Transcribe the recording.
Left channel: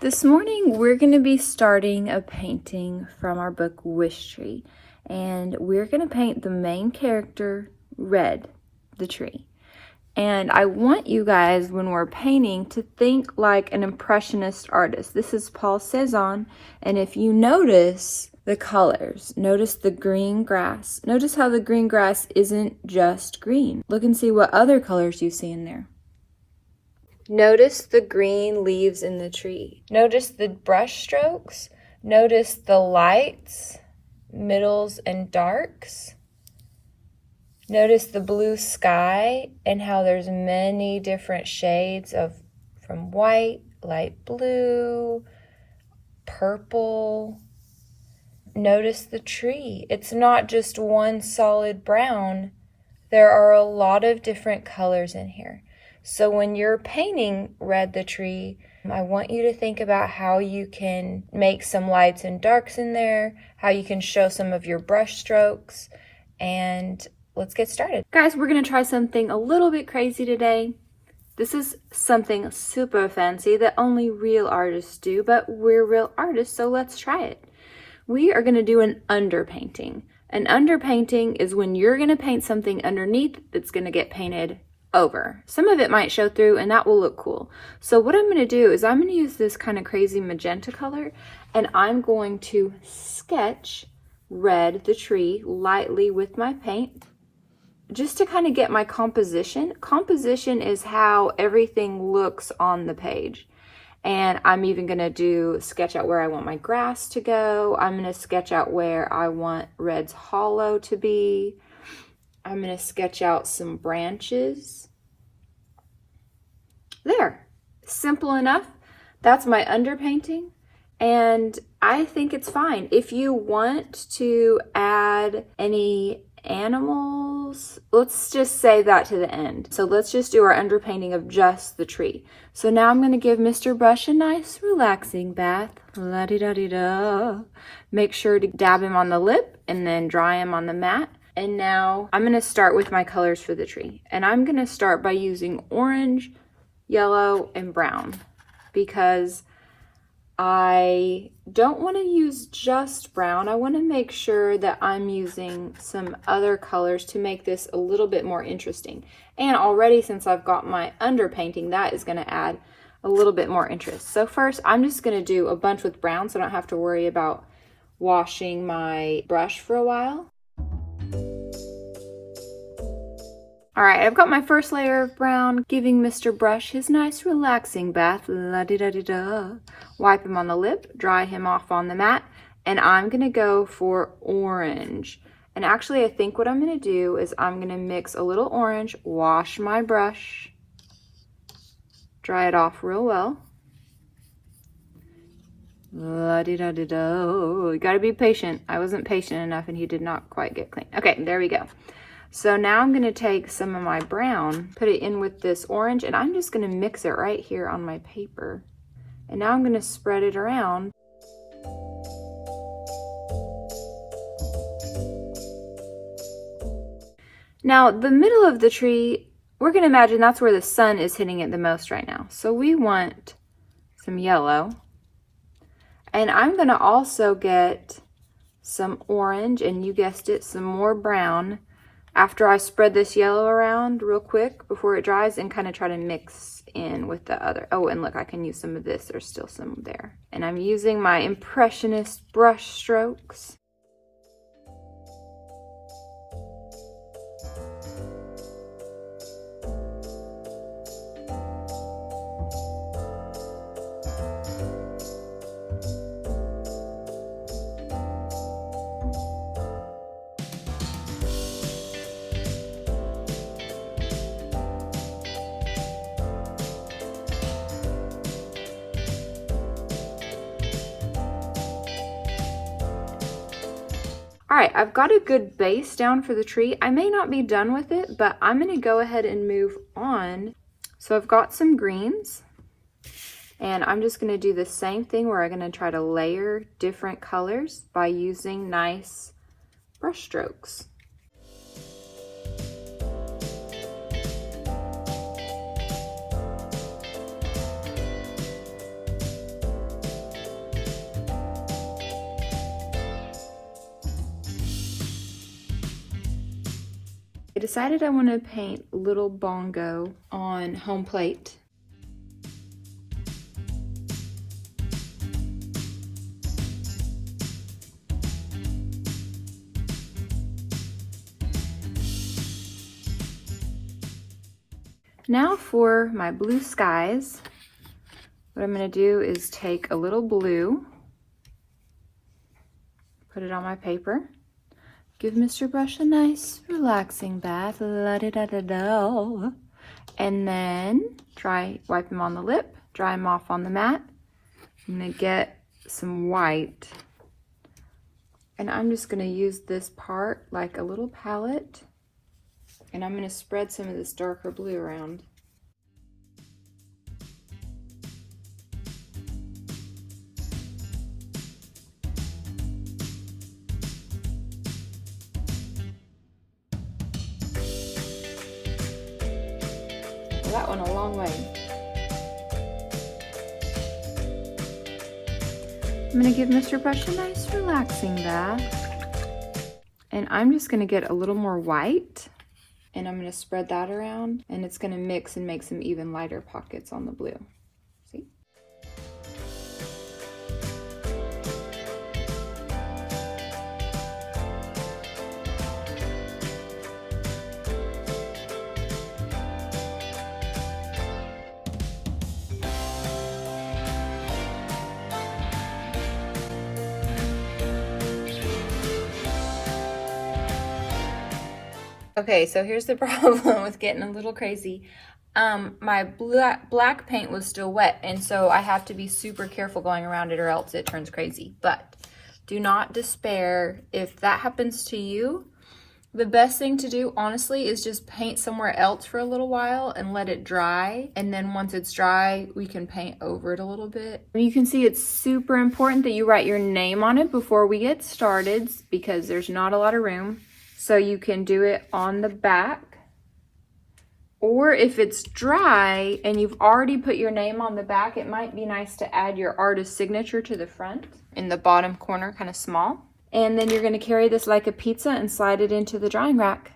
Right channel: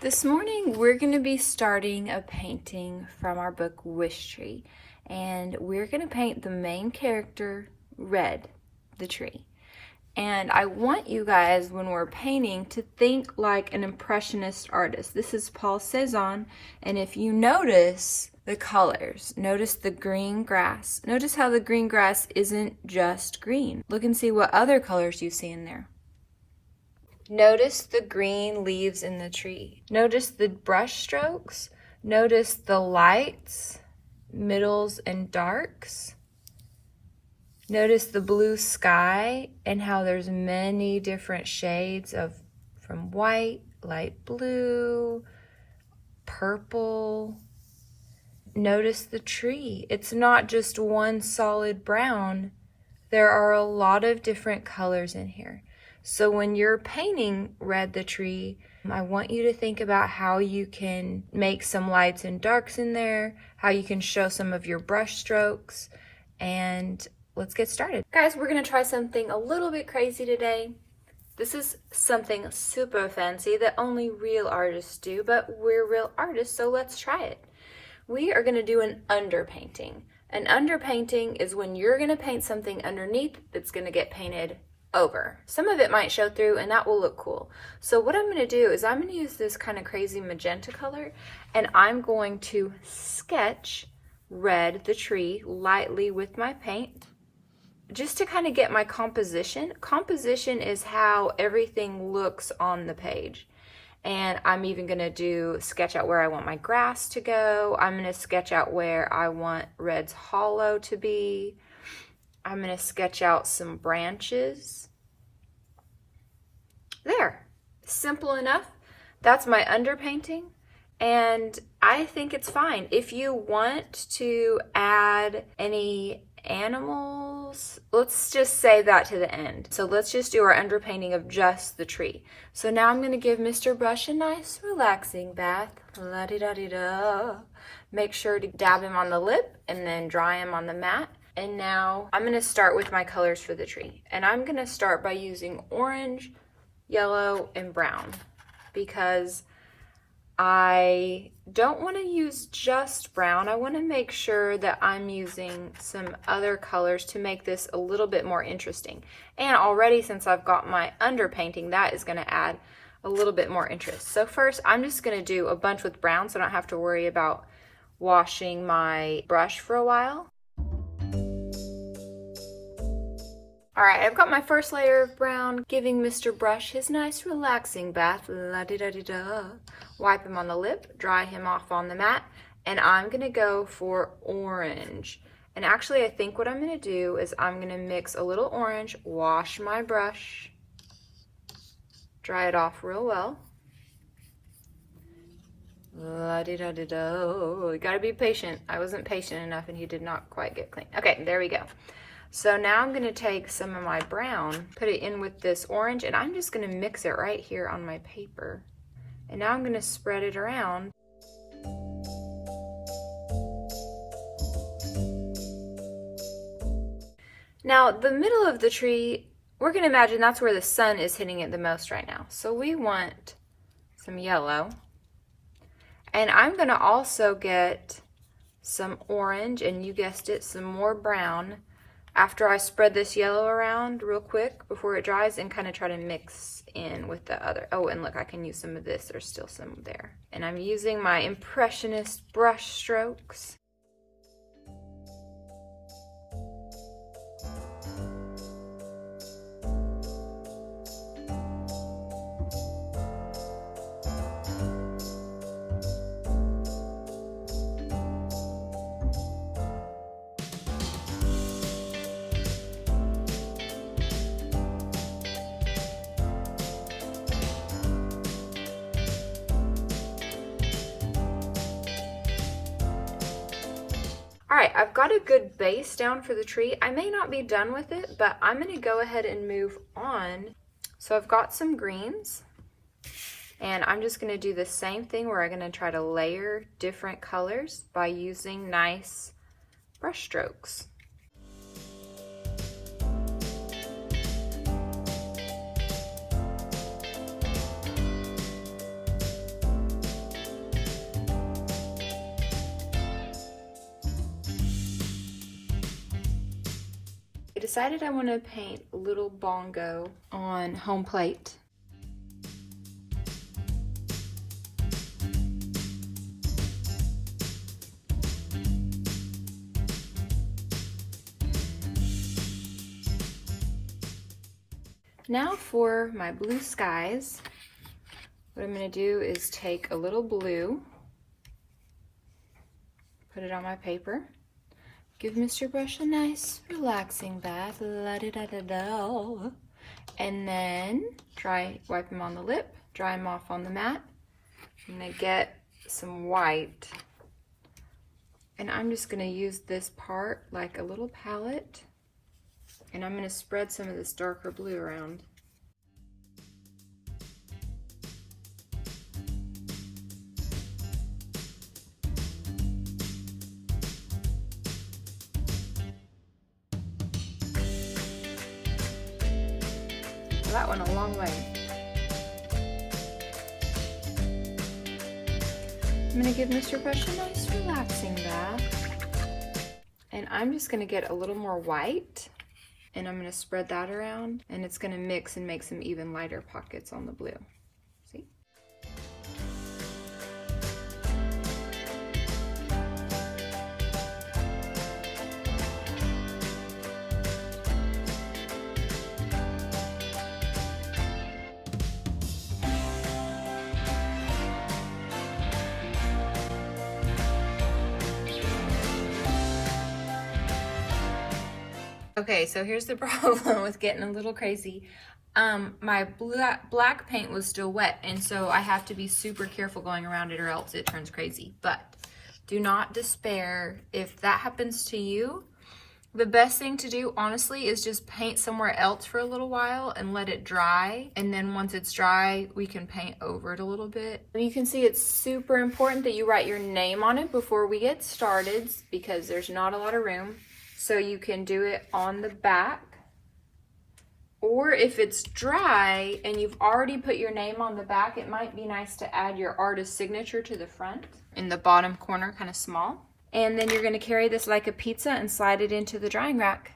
This morning we're going to be starting a painting from our book Wishtree, and we're going to paint the main character red, the tree. And I want you guys, when we're painting, to think like an Impressionist artist. This is Paul Cézanne, and if you notice the colors, notice the green grass. Notice how the green grass isn't just green. Look and see what other colors you see in there. Notice the green leaves in the tree. Notice the brush strokes. Notice the lights, middles, and darks. Notice the blue sky and how there's many different shades from white, light blue, purple. Notice the tree. It's not just one solid brown. There are a lot of different colors in here. So when you're painting Red the Tree, I want you to think about how you can make some lights and darks in there, how you can show some of your brush strokes, and let's get started. Guys, we're gonna try something a little bit crazy today. This is something super fancy that only real artists do, but we're real artists, so let's try it. We are gonna do an underpainting. An underpainting is when you're gonna paint something underneath that's gonna get painted over. Some of it might show through and that will look cool. So what I'm going to do is I'm going to use this kind of crazy magenta color and I'm going to sketch Red the Tree lightly with my paint just to kind of get my composition. Composition is how everything looks on the page. And I'm even going to sketch out where I want my grass to go. I'm going to sketch out where I want Red's hollow to be. I'm going to sketch out some branches. There, simple enough. That's my underpainting, and I think it's fine. If you want to add any animals, let's just save that to the end. So let's just do our underpainting of just the tree. So now I'm going to give Mr. Brush a nice relaxing bath. La-di-da-di-da. Make sure to dab him on the lip and then dry him on the mat. And now I'm going to start with my colors for the tree. And I'm going to start by using orange, yellow, and brown because I don't want to use just brown. I want to make sure that I'm using some other colors to make this a little bit more interesting. And already, since I've got my underpainting, that is going to add a little bit more interest. So first, I'm just going to do a bunch with brown so I don't have to worry about washing my brush for a while. All right, I've got my first layer of brown, giving Mr. Brush his nice relaxing bath. La-di-da-di-da. Wipe him on the lip, dry him off on the mat, and I'm gonna go for orange. And actually, I think what I'm gonna do is I'm gonna mix a little orange, wash my brush, dry it off real well. La-di-da-di-da. You gotta be patient. I wasn't patient enough and he did not quite get clean. Okay, there we go. So now I'm going to take some of my brown, put it in with this orange, and I'm just going to mix it right here on my paper. And now I'm going to spread it around. Now, the middle of the tree, we're going to imagine that's where the sun is hitting it the most right now. So we want some yellow. And I'm going to also get some orange, and you guessed it, some more brown. After I spread this yellow around real quick before it dries and kind of try to mix in with the other. Oh, and look, I can use some of this. There's still some there. And I'm using my Impressionist brush strokes. All right, I've got a good base down for the tree. I may not be done with it, but I'm gonna go ahead and move on. So I've got some greens, and I'm just gonna do the same thing where I'm gonna try to layer different colors by using nice brush strokes. decided I want to paint Little Bongo on home plate. Now for my blue skies, what I'm going to do is take a little blue, put it on my paper, give Mr. Brush a nice relaxing bath, la-da-da-da-da, and then wipe him on the lip, dry him off on the mat. I'm going to get some white, and I'm just going to use this part like a little palette. And I'm going to spread some of this darker blue around. Well, that went a long way. I'm going to give Mr. Brush a nice relaxing bath. And I'm just going to get a little more white. And I'm going to spread that around, and it's going to mix and make some even lighter pockets on the blue. See? Okay, so here's the problem with getting a little crazy. My black paint was still wet, and so I have to be super careful going around it or else it turns crazy. But do not despair if that happens to you. The best thing to do, honestly, is just paint somewhere else for a little while and let it dry. And then once it's dry, we can paint over it a little bit. You can see it's super important that you write your name on it before we get started because there's not a lot of room. So you can do it on the back, or if it's dry and you've already put your name on the back, it might be nice to add your artist signature to the front in the bottom corner, kind of small. And then you're going to carry this like a pizza and slide it into the drying rack.